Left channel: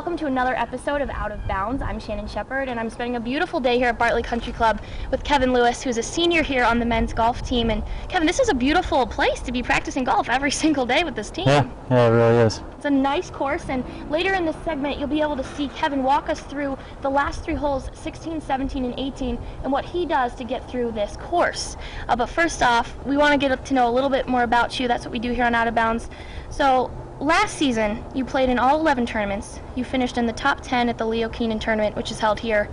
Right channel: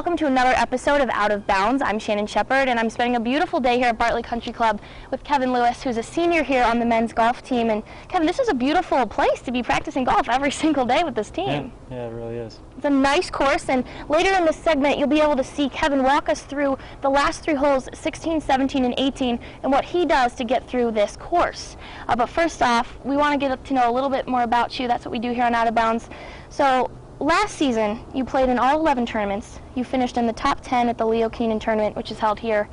welcome to another episode of Out of Bounds. I'm Shannon Shepard, and I'm spending a beautiful day here at Bartley Country Club with Kevin Lewis, who's a senior here on the men's golf team. And Kevin, this is a beautiful place to be practicing golf every single day with this team. Yeah, it really is. It's a nice course, and later in this segment, you'll be able to see Kevin walk us through the last three holes, 16, 17, and 18, and what he does to get through this course. But first off, we want to get to know a little bit more about you. That's what we do here on Out of Bounds. So, last season, you played in all 11 tournaments. You finished in the top 10 at the Leo Keenan tournament, which is held here,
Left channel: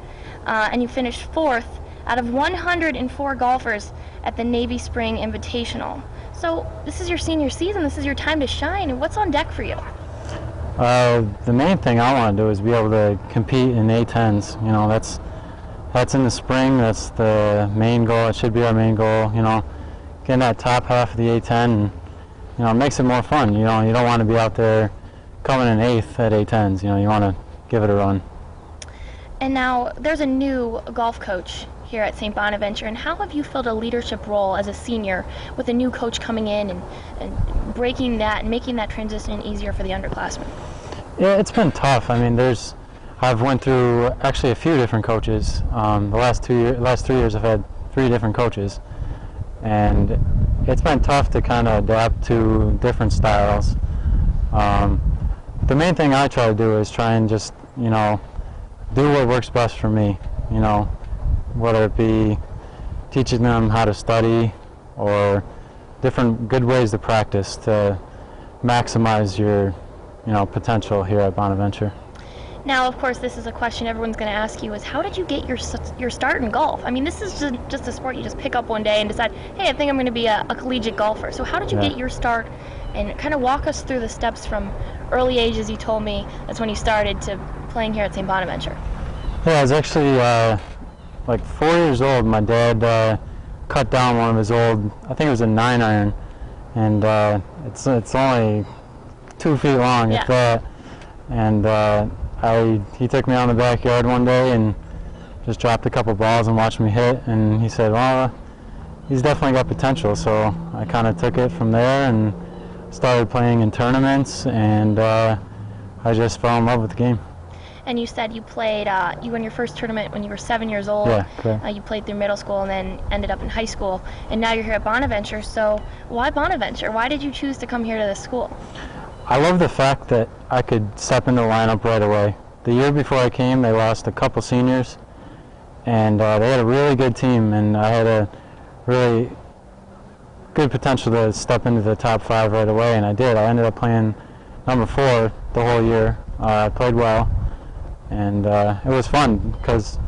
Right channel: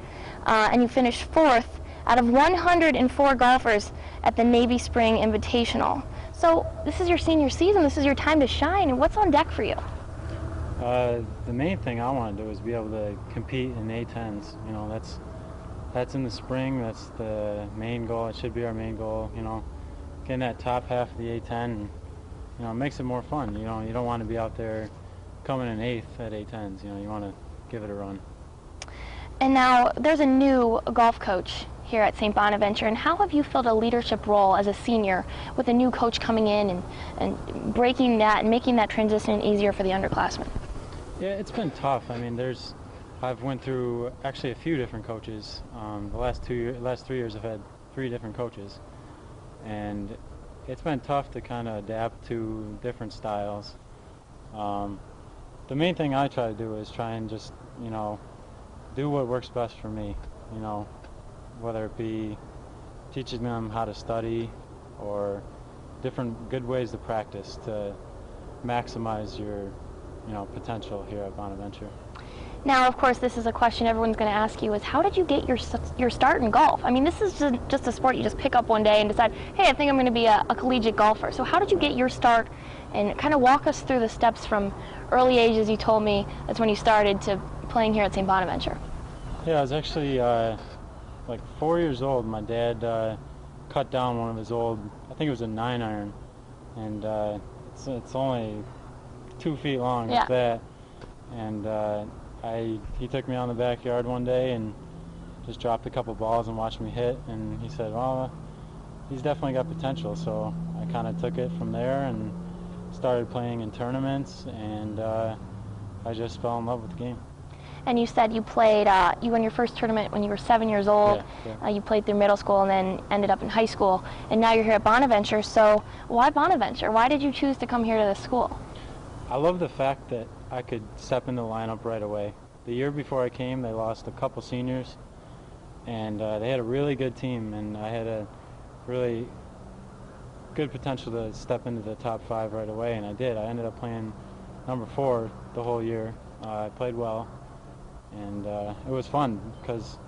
and you finished fourth out of 104 golfers at the Navy Spring Invitational. So this is your senior season. This is your time to shine. And what's on deck for you? The main thing I want to do is be able to compete in A10s. You know, that's in the spring. That's the main goal. It should be our main goal. You know, getting that top half of the A10. And, you know, it makes it more fun. You know, you don't want to be out there coming in 8th at A10s. You know, you want to give it a run. And now there's a new golf coach here at St. Bonaventure, and how have you filled a leadership role as a senior with a new coach coming in and breaking that and making that transition easier for the underclassmen? Yeah, it's been tough. I mean, I've went through actually a few different coaches. The last 3 years I've had 3 different coaches, and it's been tough to kind of adapt to different styles. The main thing I try to do is try and just, you know, do what works best for me, you know, whether it be teaching them how to study or different good ways to practice to maximize your, you know, potential here at Bonaventure. Now, of course, this is a question everyone's going to ask you is, how did you get your start in golf? I mean, this is just a sport you just pick up one day and decide, hey, I think I'm going to be a collegiate golfer. So how did you get your start, and kind of walk us through the steps from early age, as you told me, that's when you started, to playing here at St. Bonaventure? Yeah, I was actually like 4 years old. My dad cut down one of his old, I think it was a 9-iron, and it's only 2 feet long at that. And he took me out in the backyard one day and just dropped a couple balls and watched me hit, and he said, well, he's definitely got potential. So I kind of took it from there and started playing in tournaments, and I just fell in love with the game. And you said you played, you won your first tournament when you were 7 years old. Yeah, correct. You played through middle school and then ended up in high school. And now you're here at Bonaventure. So why Bonaventure? Why did you choose to come here to this school? I love the fact that I could step into the lineup right away. The year before I came, they lost a couple seniors, and they had a really good team, and I had a really good potential to step into the top 5 right away, and I did. I ended up playing number 4 the whole year. I played well. And it was fun because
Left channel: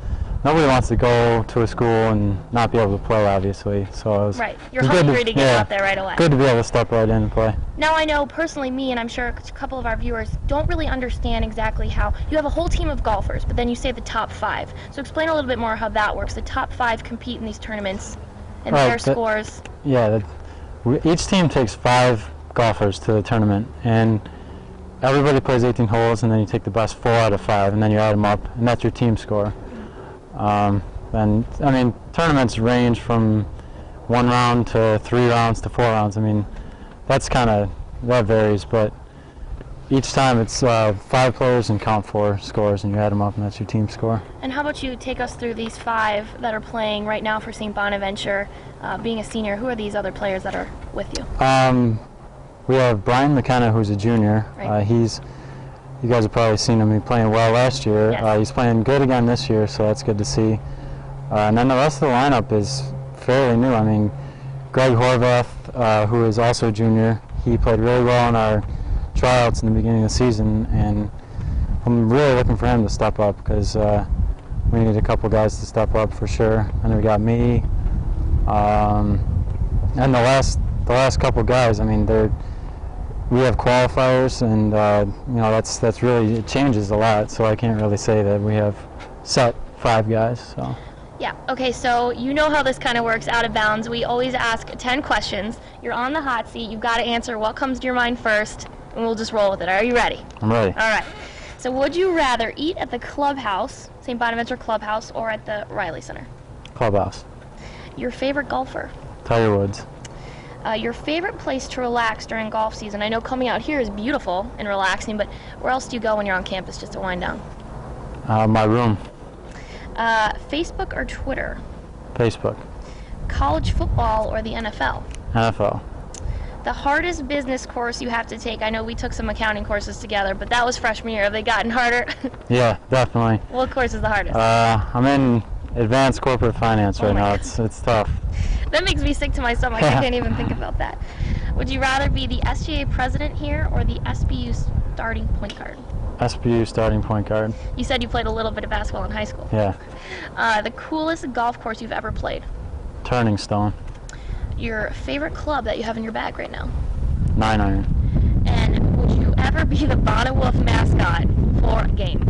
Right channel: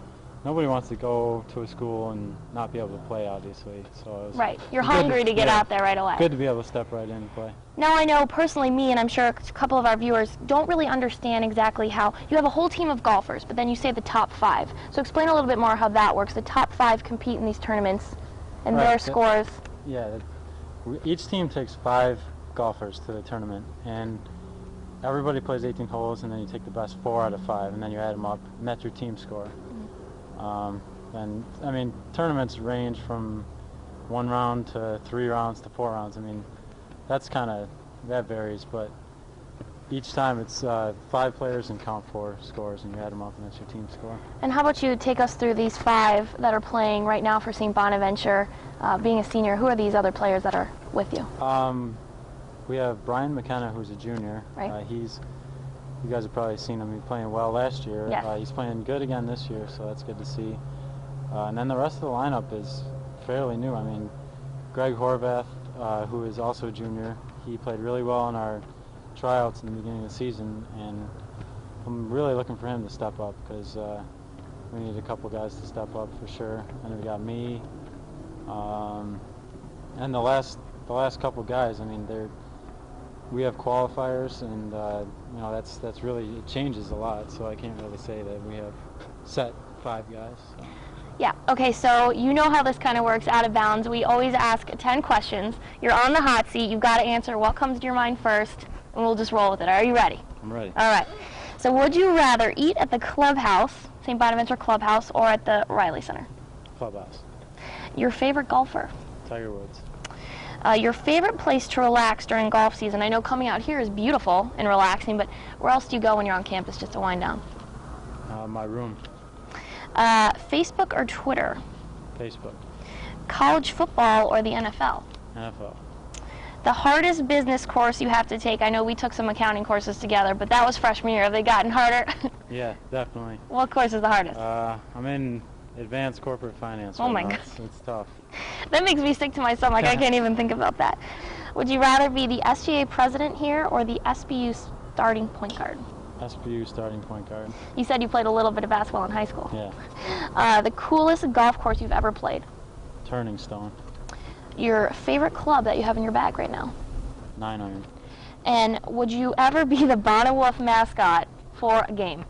nobody wants to go to a school and not be able to play, obviously. So it was right. You're hungry to get out there right away. Good to be able to step right in and play. Now, I know personally, me and I'm sure a couple of our viewers don't really understand exactly how you have a whole team of golfers, but then you say the top 5. So explain a little bit more how that works. The top 5 compete in these tournaments and their scores. Yeah, each team takes 5 golfers to the tournament, and everybody plays 18 holes, and then you take the best 4 out of 5, and then you add them up, and that's your team score. And I mean, tournaments range from 1 round to 3 rounds to 4 rounds. I mean, that varies, but each time it's 5 players and count 4 scores, and you add them up, and that's your team score. And how about you take us through these 5 that are playing right now for St. Bonaventure? Being a senior, who are these other players that are with you? We have Brian McKenna, who's a junior. Right. You guys have probably seen him. He playing well last year. Yes. He's playing good again this year, so that's good to see. And then the rest of the lineup is fairly new. I mean, Greg Horvath, who is also a junior, he played really well in our tryouts in the beginning of the season, and I'm really looking for him to step up because we need a couple guys to step up for sure. And then we got me, and the last couple guys. I mean, we have qualifiers, and you know, that's really, it changes a lot, so I can't really say that we have set 5 guys. So. Yeah, okay, so you know how this kind of works, Out of Bounds. We always ask 10 questions. You're on the hot seat. You've got to answer what comes to your mind first, and we'll just roll with it. Are you ready? I'm ready. All right. So would you rather eat at the clubhouse, St. Bonaventure Clubhouse, or at the Riley Center? Clubhouse. Your favorite golfer? Tiger Woods. Your favorite place to relax during golf season? I know coming out here is beautiful and relaxing, but where else do you go when you're on campus just to wind down? My room. Facebook or Twitter? Facebook. College football or the NFL? NFL. The hardest business course you have to take? I know we took some accounting courses together, but that was freshman year. Have they gotten harder? Yeah, definitely. What course is the hardest? I'm in advanced corporate finance right now. God. It's tough. That makes me sick to my stomach. I can't even think about that. Would you rather be the SGA president here or the SBU starting point guard? SBU starting point guard. You said you played a little bit of basketball in high school. Yeah. The coolest golf course you've ever played? Turning Stone. Your favorite club that you have in your bag right now? 9-iron. And would you ever be the Bonnet Wolf mascot for a game?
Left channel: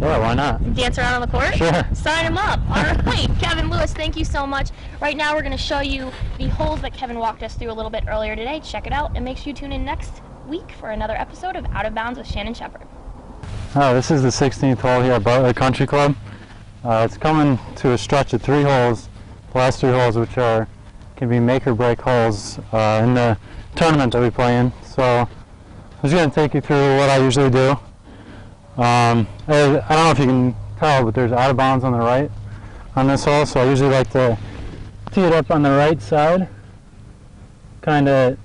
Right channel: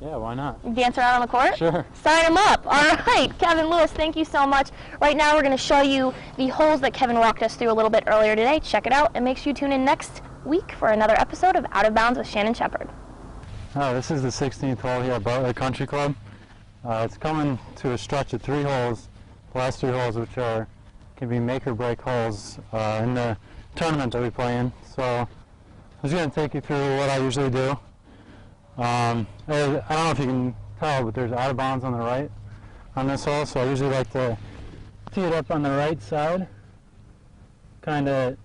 Yeah, why not? Dance around on the court? Sure. Sign him up. All right, Kevin Lewis, thank you so much. Right now we're going to show you the holes that Kevin walked us through a little bit earlier today. Check it out and make sure you tune in next week for another episode of Out of Bounds with Shannon Shepard. Oh, this is the 16th hole here at Bartlett Country Club. It's coming to a stretch of 3 holes, the last 3 holes which can be make or break holes in the tournament that we play in. So I'm just going to take you through what I usually do. I don't know if you can tell, but there's out of bounds on the right on this hole, so I usually like to tee it up on the right side, kind of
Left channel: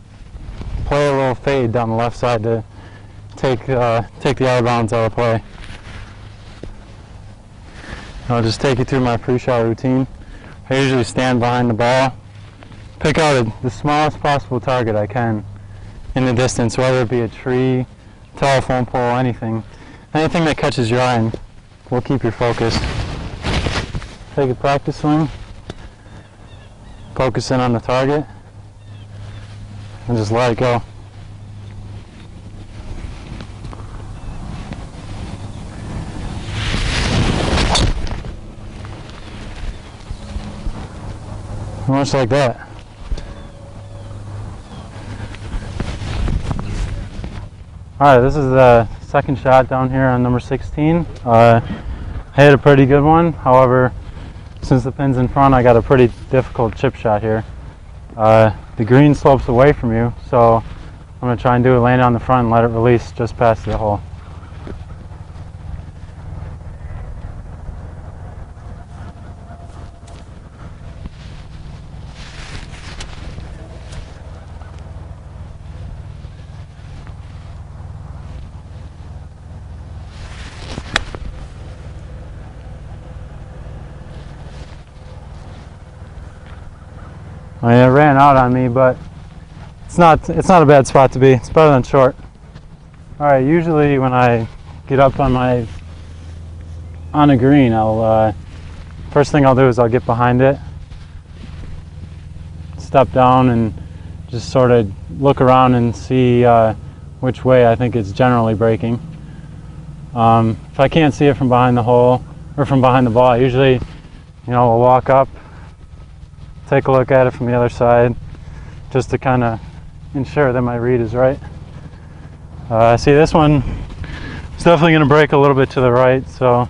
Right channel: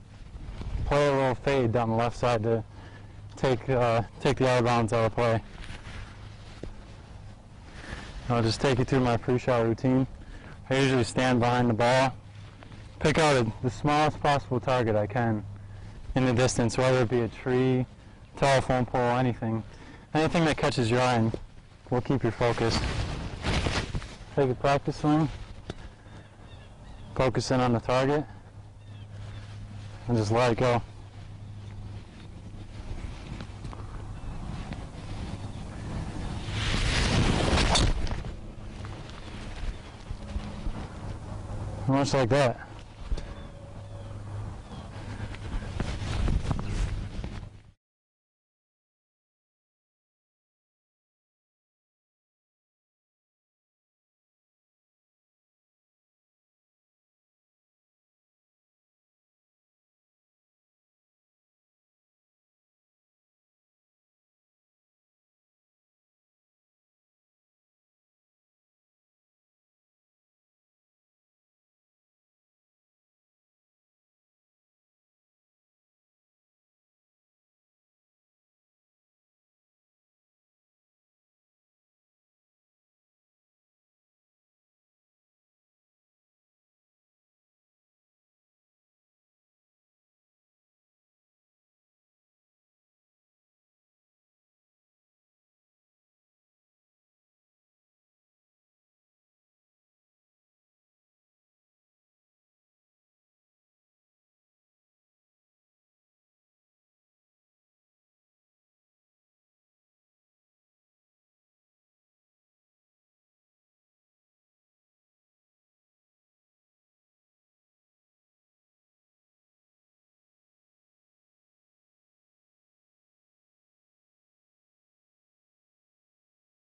play a little fade down the left side to take the out of bounds out of play. I'll just take you through my pre-shot routine. I usually stand behind the ball, pick out the smallest possible target I can in the distance, whether it be a tree, telephone pole, anything. Anything that catches your eye will keep your focus. Take a practice swing, focus in on the target, and just let it go. Much like that. Alright, this is the second shot down here on number 16. I hit a pretty good one. However, since the pin's in front, I got a pretty difficult chip shot here. The green slopes away from you, so I'm going to try and do it, land on the front and let it release just past the hole. I mean, it ran out on me, but it's not a bad spot to be. It's better than short. All right, usually when I get up on a green, first thing I'll do is I'll get behind it, step down, and just sort of look around and see which way I think it's generally breaking. If I can't see it from behind the hole or from behind the ball, I usually, will walk up, take a look at it from the other side, just to kind of ensure that my read is right. See, this one is definitely going to break a little bit to the right, so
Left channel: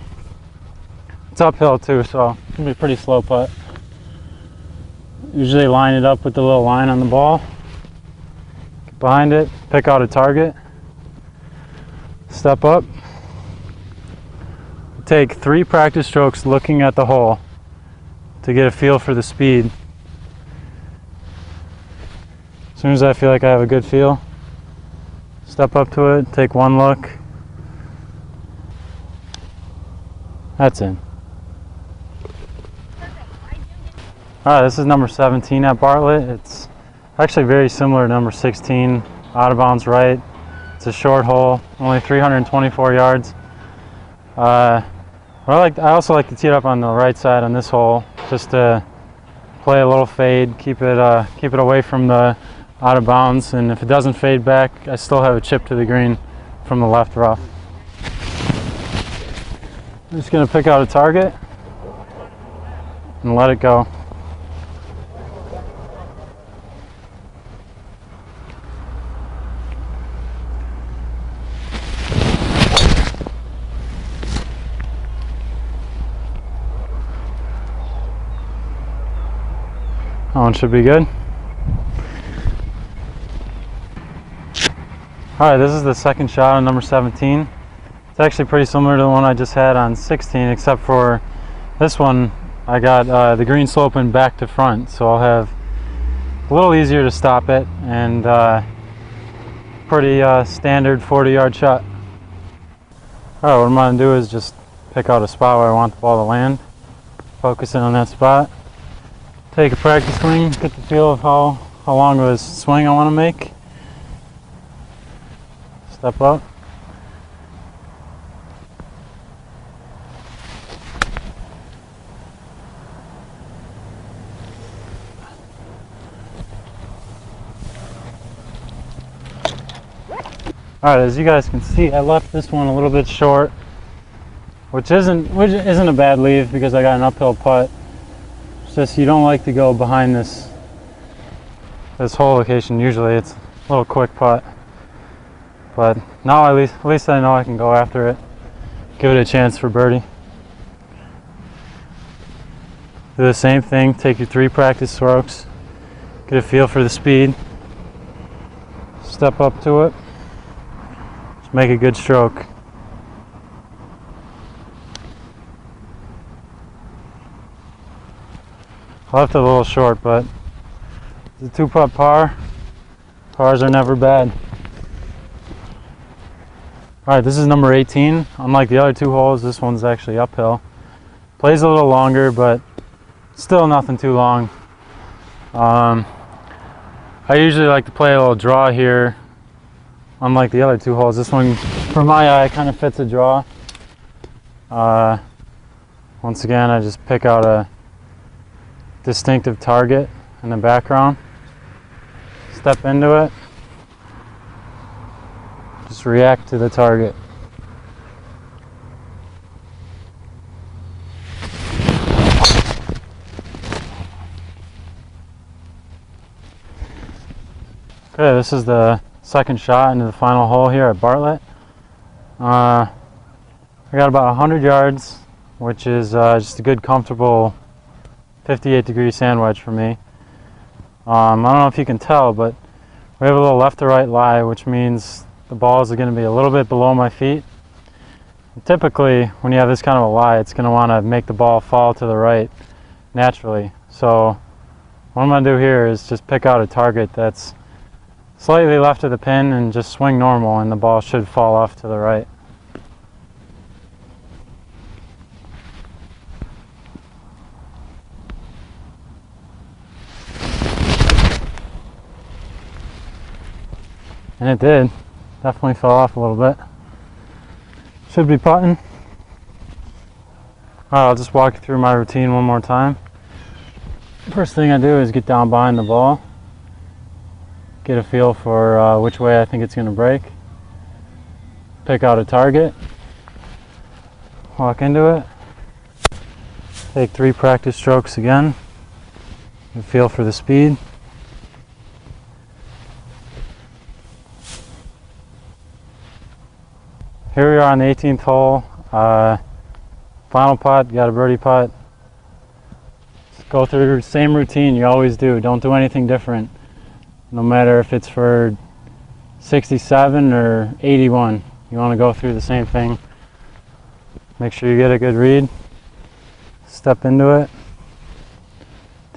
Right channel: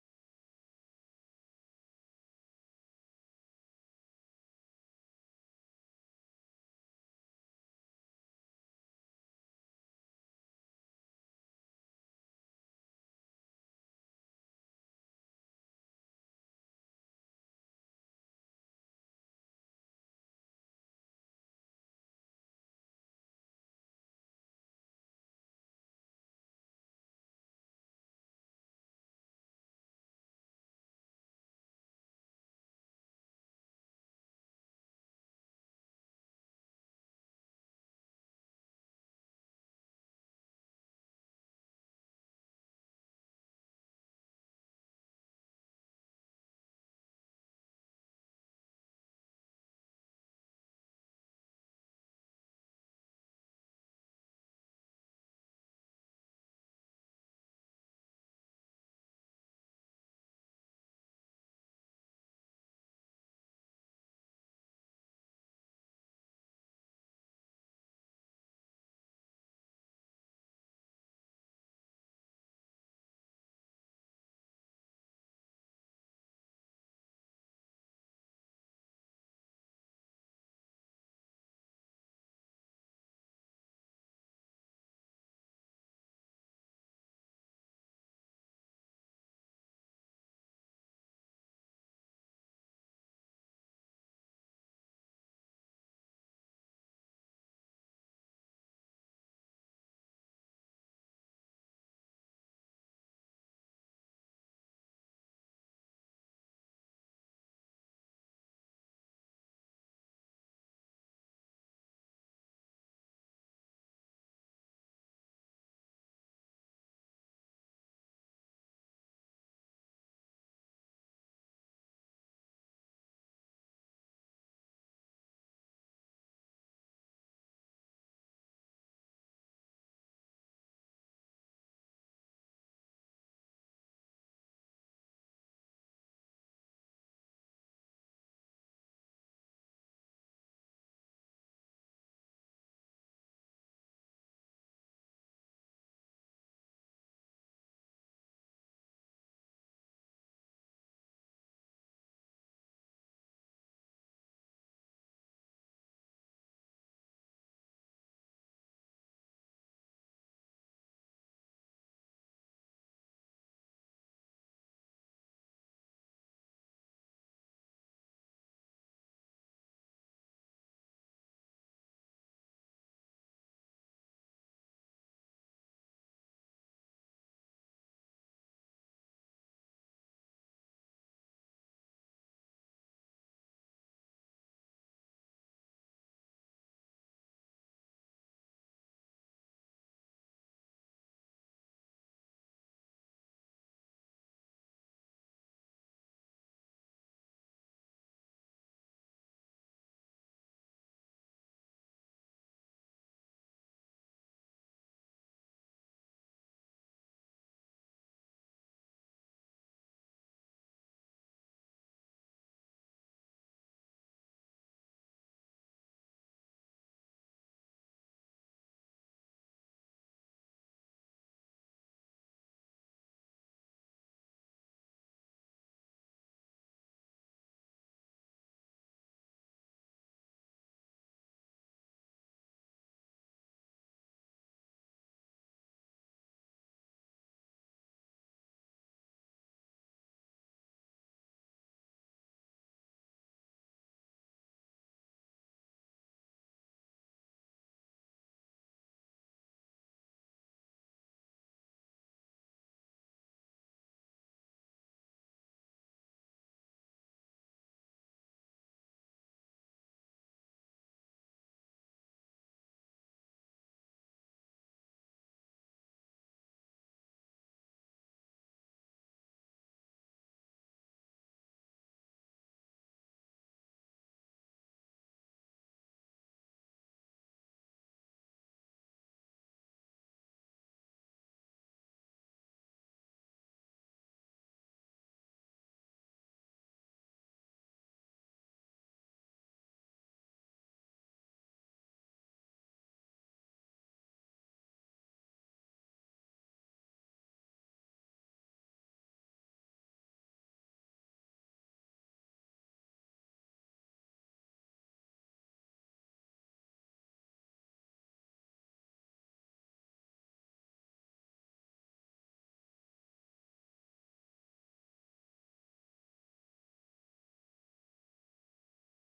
it's uphill too, so it's going to be a pretty slow putt. Usually line it up with the little line on the ball, get behind it, pick out a target, step up, take 3 practice strokes looking at the hole to get a feel for the speed. As soon as I feel like I have a good feel, step up to it, take 1 look. That's in. Alright, this is number 17 at Bartlett. It's actually very similar to number 16, out of bounds right. It's a short hole, only 324 yards. I also like to tee it up on the right side on this hole, just to play a little fade, keep it away from the out of bounds, and if it doesn't fade back, I still have a chip to the green from the left rough. I'm just going to pick out a target and let it go. That one should be good. Alright, this is the second shot on number 17. It's actually pretty similar to the one I just had on 16, except for this one I got the green sloping back to front, so I'll have a little easier to stop it, and pretty standard 40-yard shot. Alright, what I'm going to do is just pick out a spot where I want the ball to land, focus in on that spot, take a practice swing, get the feel of how long of a swing I want to make, step up. Alright, as you guys can see, I left this one a little bit short, which isn't a bad leave because I got an uphill putt. It's just you don't like to go behind this hole location. Usually it's a little quick putt, but now at least I know I can go after it, give it a chance for birdie. Do the same thing, take your 3 practice strokes, get a feel for the speed, step up to it. Make a good stroke. I left it a little short, but it's a 2-putt par. Pars are never bad. Alright, this is number 18. Unlike the other 2 holes, this one's actually uphill. Plays a little longer, but still nothing too long. I usually like to play a little draw here. Unlike the other 2 holes, this one, for my eye, kind of fits a draw. Once again, I just pick out a distinctive target in the background, step into it, just react to the target. Okay, this is the second shot into the final hole here at Bartlett. I got about 100 yards, which is just a good, comfortable 58-degree sand wedge for me. I don't know if you can tell, but we have a little left to right lie, which means the balls are going to be a little bit below my feet. And typically, when you have this kind of a lie, it's going to want to make the ball fall to the right naturally. So what I'm going to do here is just pick out a target that's slightly left of the pin and just swing normal, and the ball should fall off to the right. And it did. Definitely fell off a little bit. Should be putting. Alright, I'll just walk you through my routine one more time. First thing I do is get down behind the ball, get a feel for which way I think it's going to break, pick out a target, walk into it, take 3 practice strokes again, get a feel for the speed. Here we are on the 18th hole, final putt, got a birdie putt. Just go through the same routine you always do, don't do anything different. No matter if it's for 67 or 81, you want to go through the same thing. Make sure you get a good read, step into it,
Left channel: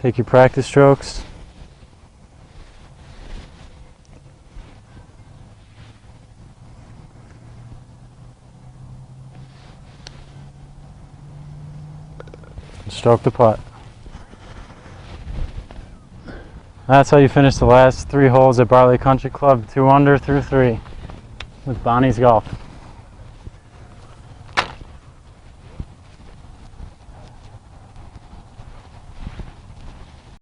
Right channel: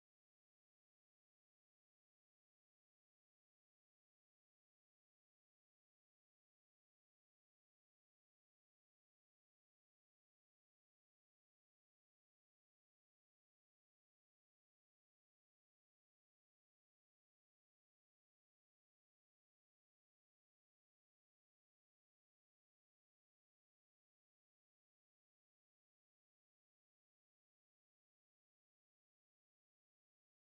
take your practice strokes. And stroke the putt. That's how you finish the last 3 holes at Bartlett Country Club, 2 under through 3 with Bonnie's Golf.